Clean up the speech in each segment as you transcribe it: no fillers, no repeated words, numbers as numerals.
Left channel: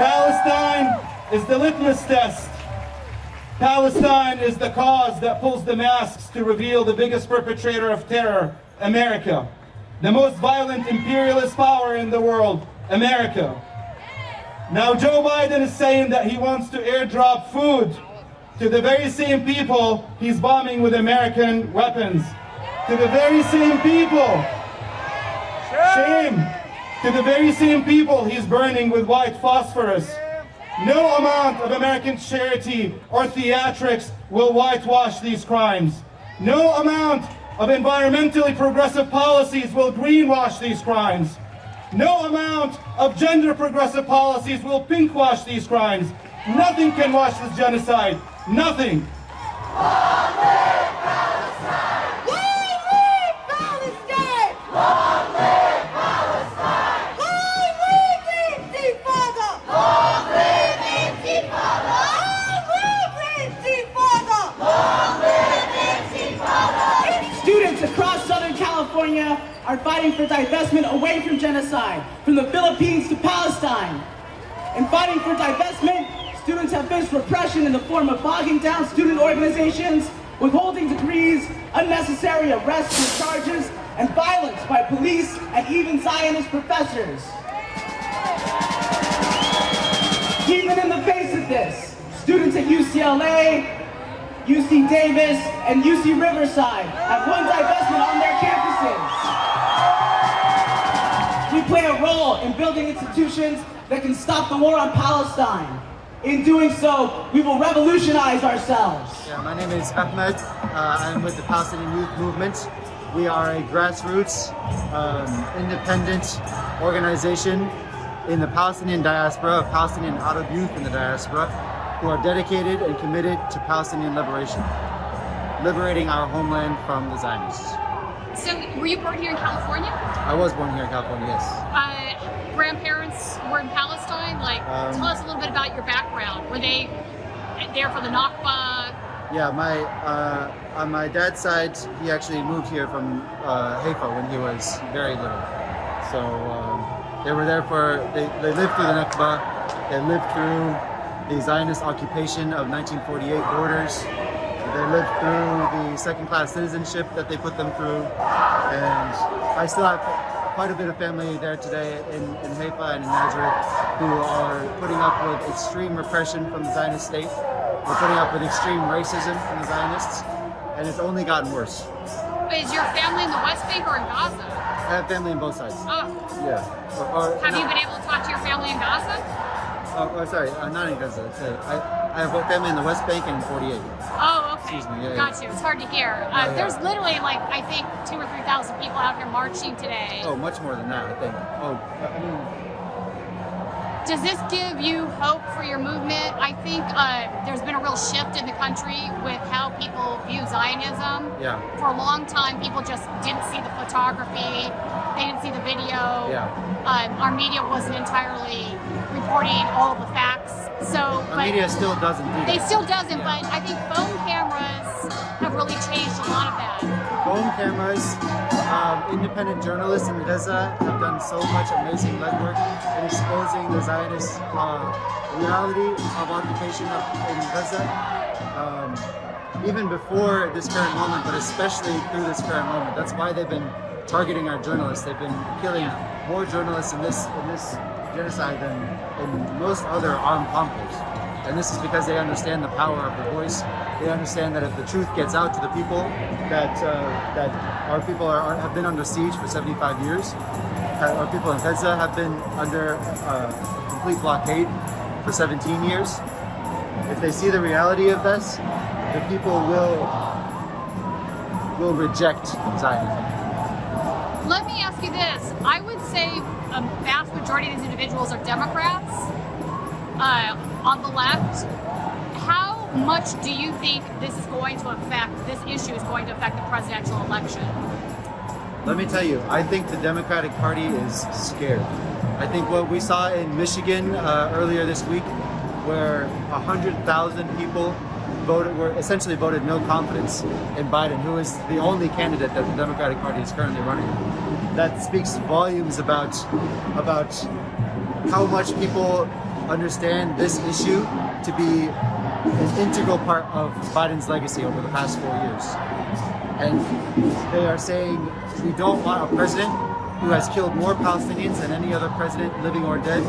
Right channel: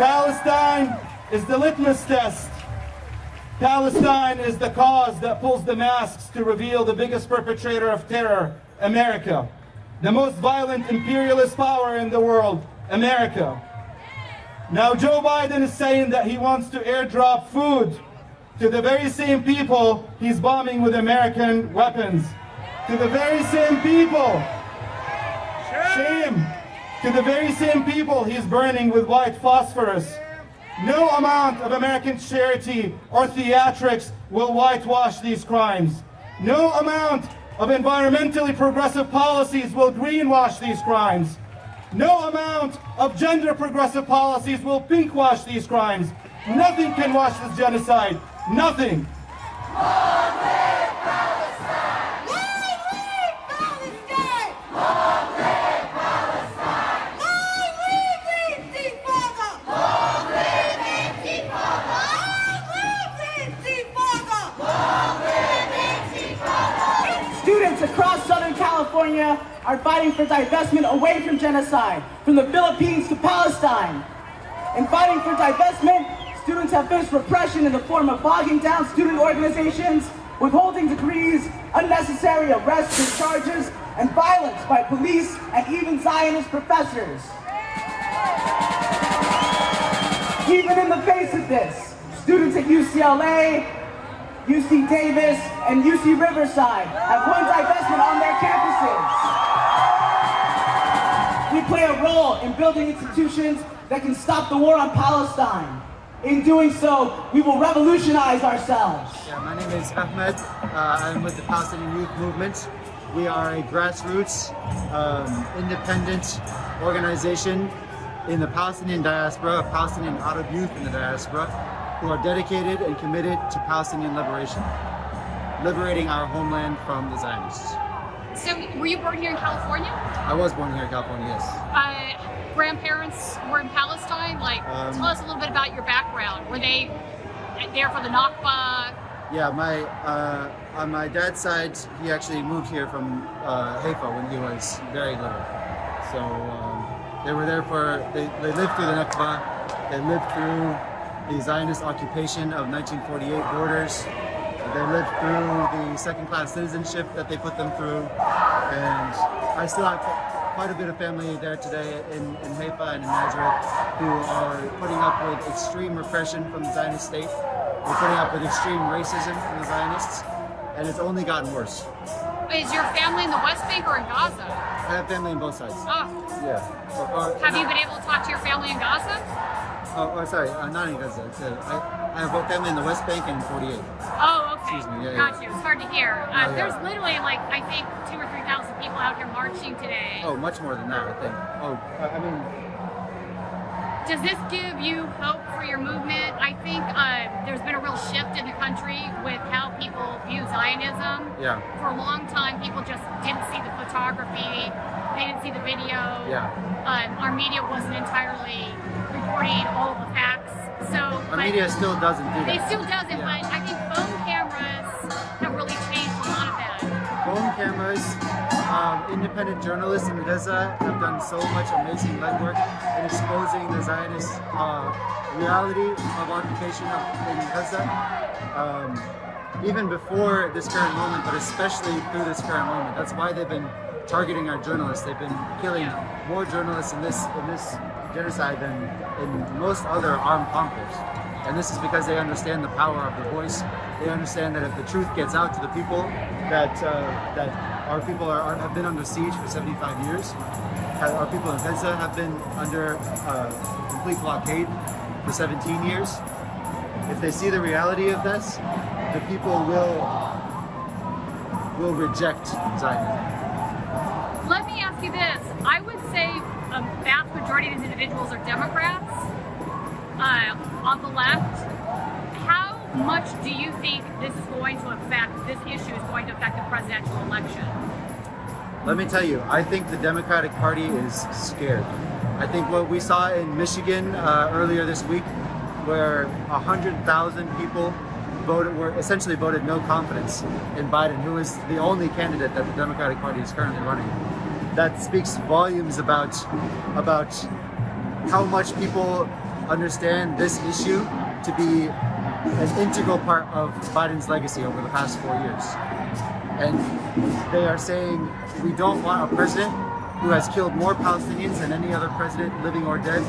Palestine is the litmus test. Palestine is the cause that pulls the masks to reveal the biggest perpetrator of terror, America. The most violent imperialist power in the world, America. Now Joe Biden is saying that he wants to airdrop food to the very same people he's bombing with American weapons. To the very same people. Shame. To the very same people he's burning with white phosphorus. No amount of American charity or theatrics will whitewash these crimes. No amount of environmentally progressive policies will greenwash these crimes. No amount of gender progressive policies will pinkwash these crimes. Nothing can wash this genocide. Nothing. Students across Southern California are fighting for divestment away from genocide, from the Philippines to Palestine. In fighting for divestment, students have faced repression in the form of bogging down student organizations, withholding degrees, unnecessary arrests and charges, and violence by police and even Zionist professors. Even in the face of this, students at UCLA, UC Davis, and UC Riverside have won divestment on their campuses. We play a role in building institutions that can stop the war on Palestine. In doing so, we will revolutionize ourselves. Yeah, my name is Ahmed. I'm with the Palestinian Youth Movement. We are a grassroots, independent organization in the Palestinian diaspora, Palestinian Arab youth in the diaspora, who are dedicated and committed to Palestinian liberation, liberating our homeland from the Zionists. So, were you born here in California? I was born here in California, yes. Grandparents were in Palestine? Tell us a little bit about your background. Were they there for the Nakba? Yeah, on my dad's side, he actually moved here from Haifa when he was very little. So they were there they lived through the Nakba, they lived through the Zionist occupation of 1948 borders. They lived through the second-class citizenship that they put them through. And I still have quite a bit of family there today in Haifa and in Nazareth who are putting up with extreme repression from the Zionist state. We're putting up with extreme racism from the Zionists, and it's only gotten worse. Is your family in the West Bank or in Gaza? I have family on both sides. Oh. Yeah. Have you been able to talk to your family in Gaza? Sorry, not in Gaza. I have family in the West Bank and in 48. Oh, okay. Excuse me. Yeah, Got you. It's hard to hear. Yeah. There's literally, I think 2,000 or 3,000 people out here marching today. Oh, much more than that, I think. Does this give you hope for your movement? I think there's been a real shift in the country with how people view Zionism. Yeah. For a long time, people just didn't see the photography, they didn't see the video. Yeah. Our media wasn't entirely reporting all of the facts. So Our media still doesn't do that. It still doesn't, Yeah. but I think phone cameras have really changed a lot of that. Phone cameras, independent journalists in Gaza have done so much amazing legwork in exposing the Zionist reality of occupation in Gaza. Even before this current moment, but especially through this current moment. That's why they've been targeting our journalists. They've been killing more journalists in this genocide than in most other armed conflicts. And this is because they understand the power of the voice. They understand that if the truth gets out to the people, that our people have been under siege for 75 years. Our people in Gaza have been under complete blockade for 17 years. If they see the reality of this, the people will reject Zionism. Let me ask you this. I would say a vast majority of these individuals are Democrats on the left. How much do you think this issue is going to affect the presidential election? Let me tell you, I think the Democratic Party is scared. I think what we saw in Michigan earlier this week, where 100,000 people essentially voted no confidence in Biden, who is the only candidate that the Democratic Party is currently running. That speaks volumes about how much people understand this issue to be an integral part of Biden's legacy over the past 4 years. And they are saying we don't want a president who has killed more Palestinians than any other president, living or dead.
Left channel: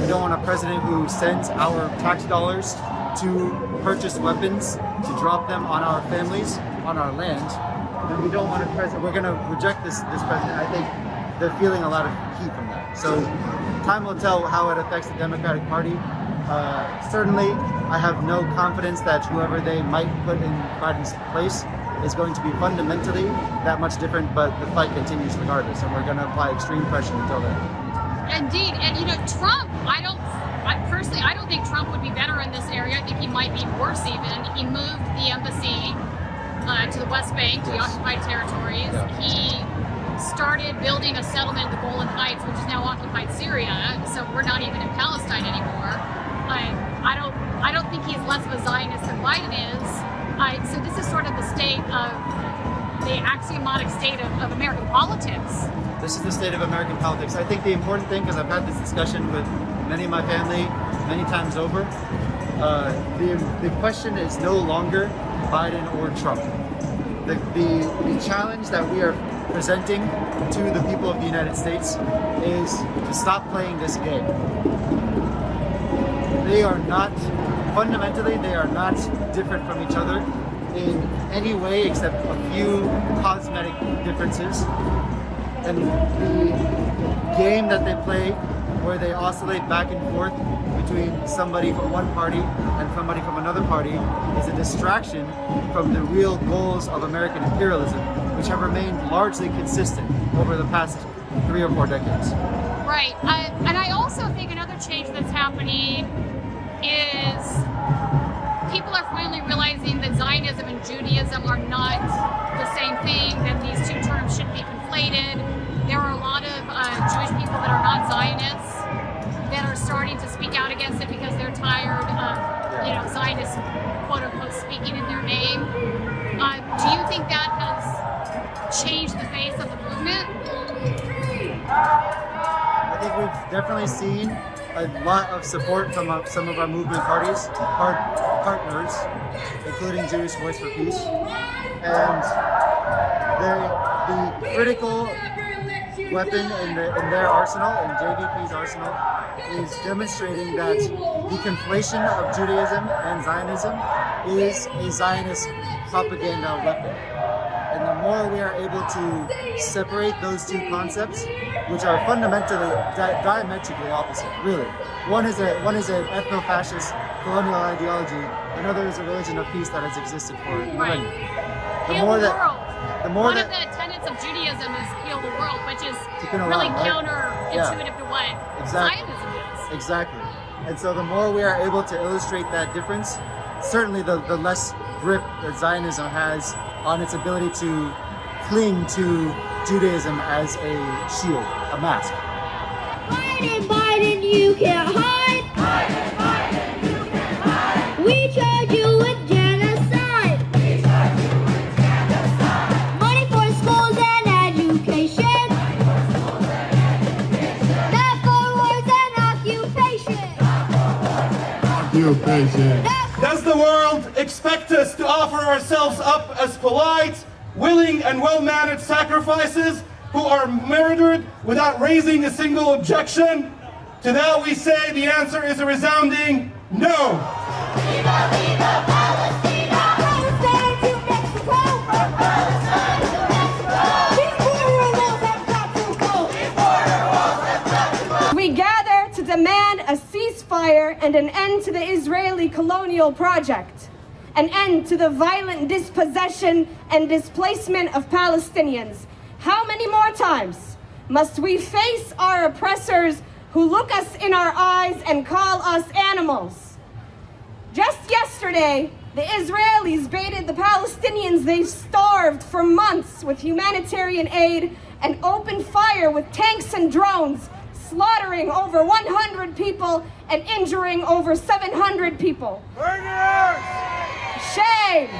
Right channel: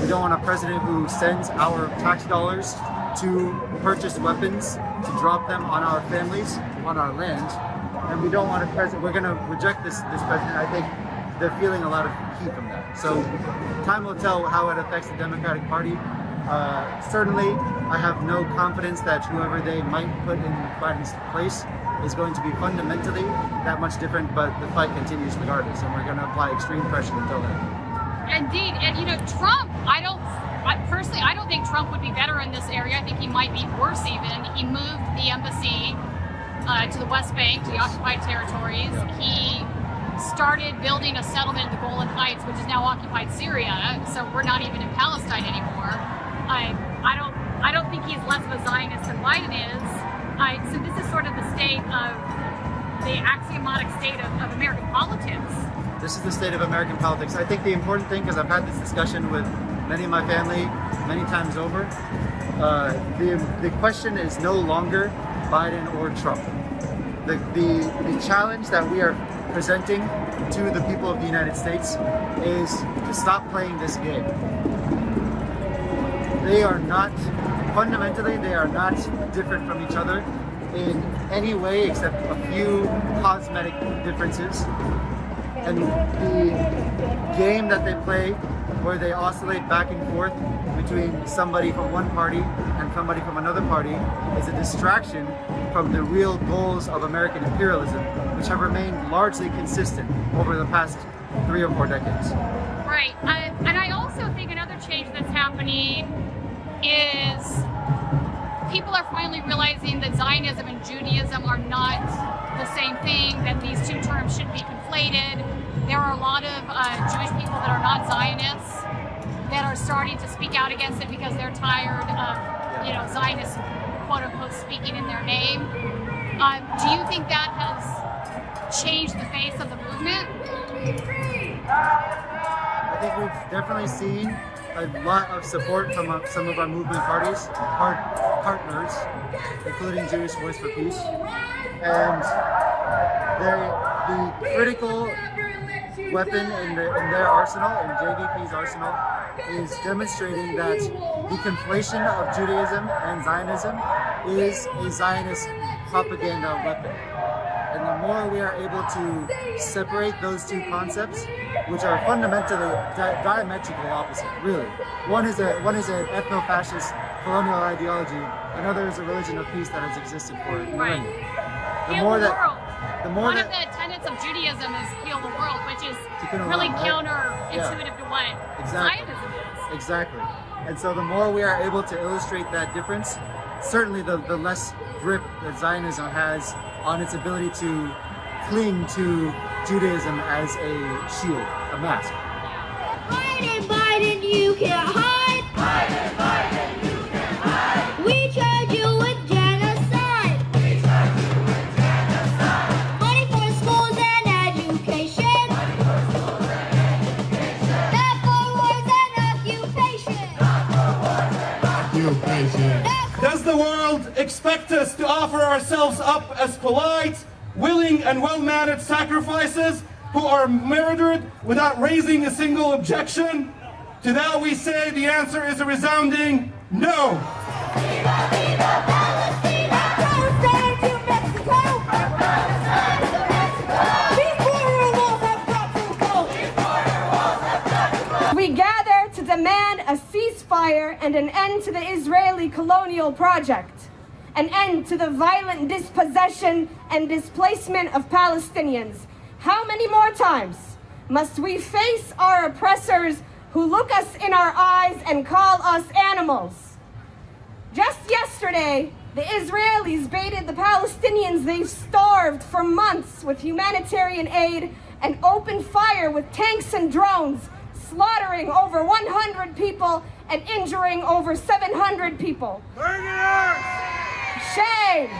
We don't want a president who sends our tax dollars to purchase weapons, to drop them on our families, on our land. And we don't want a president, we're gonna reject this president. I think they're feeling a lot of heat from that. So time will tell how it affects the Democratic Party. Certainly, I have no confidence that whoever they might put in Biden's place is going to be fundamentally that much different, but the fight continues regardless, and we're going to apply extreme pressure until then. Indeed, and you know, Trump, personally, I don't think Trump would be better in this area. I think he might be worse even. He moved the embassy to the West Bank, to the occupied territories. Yeah. He started building a settlement in the Golan Heights, which is now occupied Syria, so we're not even in Palestine anymore. I don't think he's less of a Zionist than Biden is. So this is sort of the state of, the axiomatic state of American politics. This is the state of American politics. I think the important thing, because I've had this discussion with many of my family many times over, the question is no longer Biden or Trump. The challenge that we are presenting to the people of the United States is to stop playing this game. They are not, fundamentally, they are not different from each other in any way except a few cosmetic differences. And the game that they play, where they oscillate back and forth between somebody from one party and somebody from another party, is a distraction from the real goals of American imperialism, which have remained largely consistent over the past 3 or 4 decades. Right, and I also think another change that's happening is people are finally realizing that Zionism and Judaism are not the same thing, that these two terms shouldn't be conflated. There are a lot of Jewish people that are not Zionists that are starting to speak out against it because they're tired of, you know, Zionists, quote unquote, speaking in their name. Do you think that has changed the face of the movement? I think we've definitely seen a lot of support from some of our movement partners, including Jewish Voice for Peace. And the critical weapon in their arsenal, in JVP's arsenal, is demonstrating that the conflation of Judaism and Zionism is a Zionist propaganda weapon. And the more we are able to separate those two concepts, which are fundamentally diametrically opposite, really. One is an ethno-fascist colonial ideology. Another is a religion of peace that has existed for millennia. One of the tenets of Judaism is heal the world, which is really counterintuitive to what Zionism is. Exactly. And so the more we are able to illustrate that difference, certainly the less grip that Zionism has on its ability to cling to Judaism as a shield, a mask. Biden, Biden, you can't hide. Biden, Biden, you can't hide. We charge you with genocide. We charge you with genocide. Money for schools and education. That for wars and occupation. Does the world expect us to offer ourselves up as polite, willing, and well-managed sacrifices who are murdered without raising a single objection? To that we say the answer is a resounding no. Viva, viva Palestina! Palestine to Mexico! From Palestine to Mexico! These border walls have got to go! These border walls have got to go! We gather to demand a ceasefire and an end to the Israeli colonial project, an end to the violent dispossession and displacement of Palestinians. How many more times must we face our oppressors who look us in our eyes and call us animals? Just yesterday, the Israelis baited the Palestinians they've starved for months with humanitarian aid and opened fire with tanks and drones, slaughtering over 100 people and injuring over 700 people. Shame!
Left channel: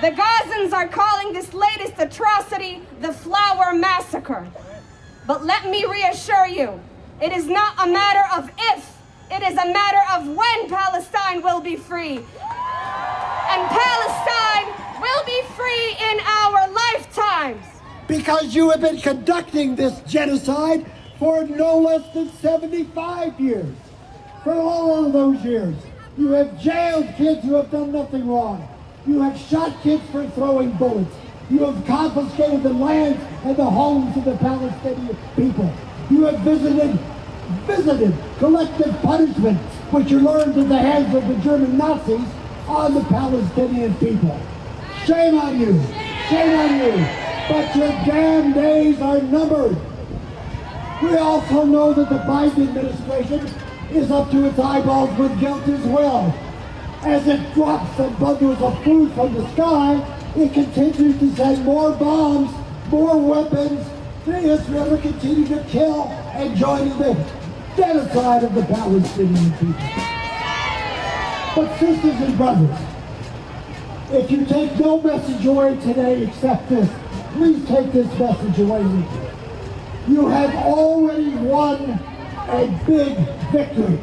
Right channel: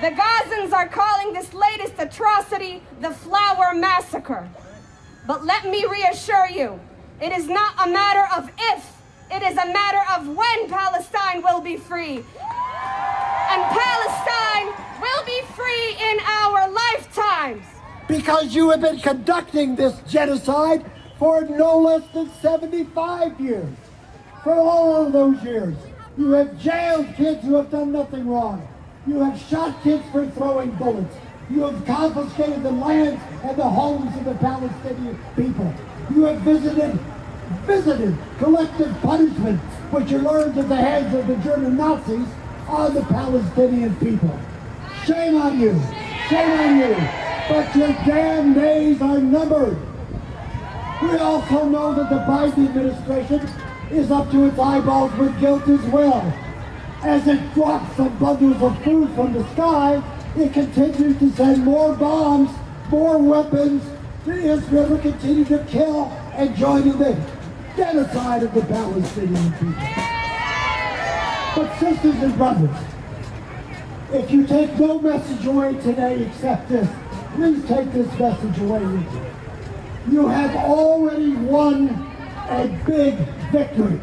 The Gazans are calling this latest atrocity the Flower Massacre. But let me reassure you, it is not a matter of if is a matter of when Palestine will be free. And Palestine will be free in our lifetimes. Because you have been conducting this genocide for no less than 75 years. For all of those years, you have jailed kids who have done nothing wrong. You have shot kids for throwing bullets. You have confiscated the lands and the homes of the Palestinian people. You have visited collective punishment, which you learned at the hands of the German Nazis on the Palestinian people. Shame on you. Shame on you. But your damn days are numbered. We also know that the Biden administration is up to its eyeballs with guilt as well. As it drops some bundles of food from the sky, it continues to send more bombs, more weapons to Israel to continue to kill and join in the genocide of the Palestinian people. But sisters and brothers, if you take no message away today except this, please take this message away with you. You have already won a big victory.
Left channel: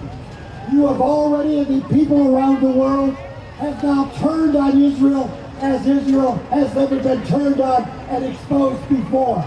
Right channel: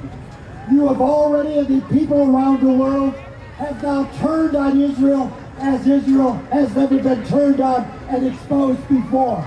You have already, the people around the world have now turned on Israel as Israel has never been turned on and exposed before.